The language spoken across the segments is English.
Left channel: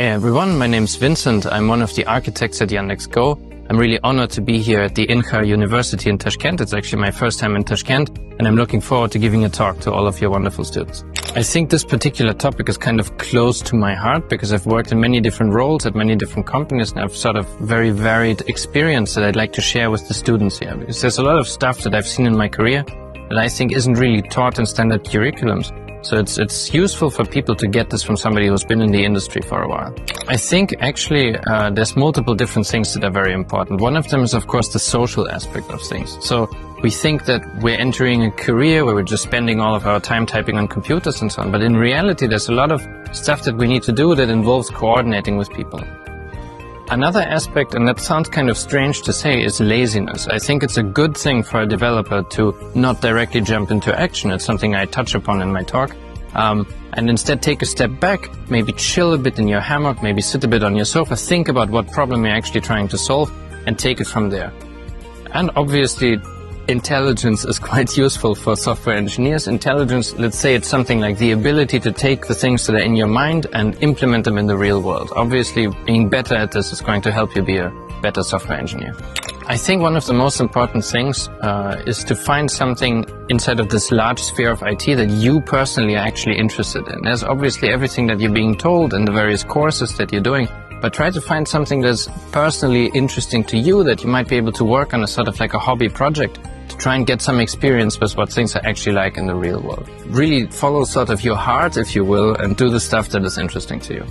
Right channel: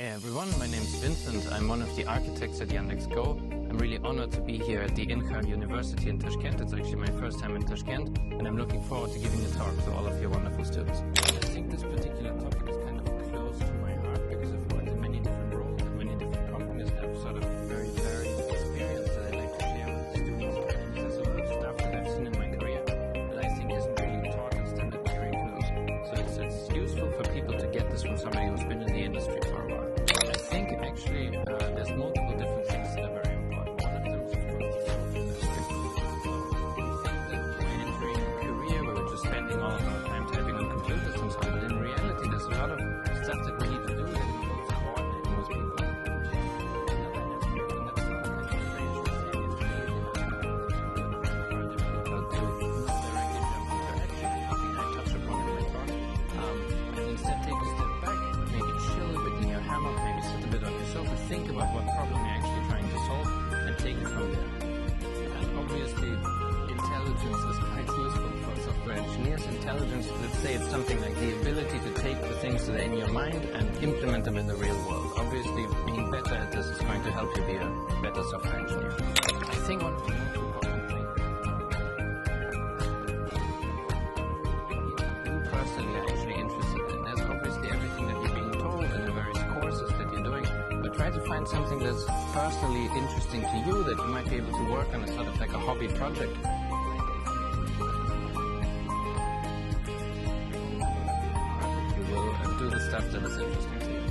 Hey everyone, my name's Vincent. I'm one of the architects at Yandex GO. I'm really honored to be here at the INCA University in Tashkent. It's actually my first time in Tashkent, and I'm looking forward to giving a talk to all of your wonderful students. I think this particular topic is kind of close to my heart because I've worked in many different roles at many different companies, and I've sort of very varied experience that I'd like to share with the students here. Because there's a lot of stuff that I've seen in my career that I think isn't really taught in standard curriculums. So it's useful for people to get this from somebody who's been in the industry for a while. I think actually there's multiple different things that are very important. One of them is, of course, the social aspect of things. So we think that we're entering a career where we're just spending all of our time typing on computers and so on. But in reality, there's a lot of stuff that we need to do that involves coordinating with people. Another aspect, and that sounds kind of strange to say, is laziness. I think it's a good thing for a developer to not directly jump into action. It's something I touch upon in my talk. And instead take a step back, maybe chill a bit in your hammock, maybe sit a bit on your sofa, think about what problem you're actually trying to solve, and take it from there. And obviously, intelligence is quite useful for software engineers. Intelligence, let's say it's something like the ability to take the things that are in your mind and implement them in the real world. Obviously, being better at this is going to help you be a better software engineer. I think one of the most important things is to find something inside of this large sphere of IT that you personally are actually interested in. There's obviously everything that you're being told in the various courses that you're doing, but try to find something that's personally interesting to you that you might be able to work on as sort of like a hobby project to try and get some experience with what things are actually like in the real world. Really follow sort of your heart, if you will, and do the stuff that is interesting to you.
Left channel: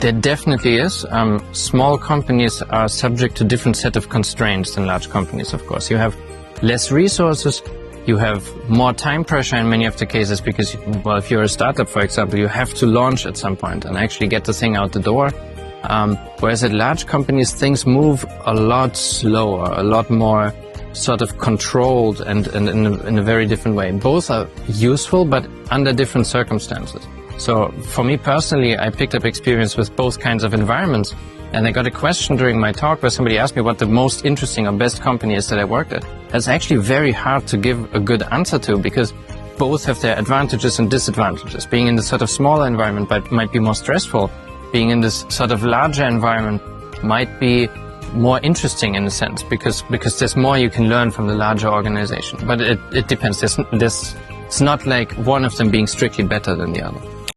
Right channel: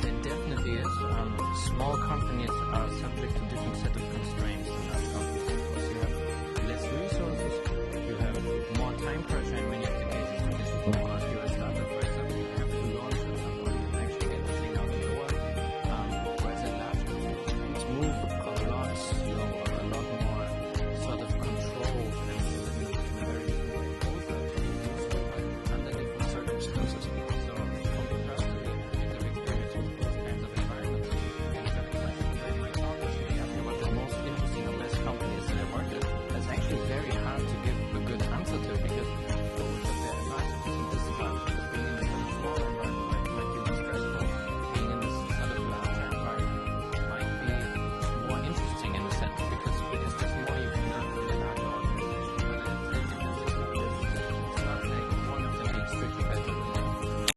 There definitely is. Small companies are subject to different set of constraints than large companies, of course. You have less resources, you have more time pressure in many of the cases because, well, if you're a startup, for example, you have to launch at some point and actually get the thing out the door. Whereas at large companies, things move a lot slower, a lot more sort of controlled and in a very different way. Both are useful, but under different circumstances. So for me personally, I picked up experience with both kinds of environments. And I got a question during my talk where somebody asked me what the most interesting or best company is that I worked at. That's actually very hard to give a good answer to because both have their advantages and disadvantages. Being in this sort of smaller environment might be more stressful. Being in this sort of larger environment might be more interesting in a sense because there's more you can learn from the larger organization. But it depends. It's not like one of them being strictly better than the other.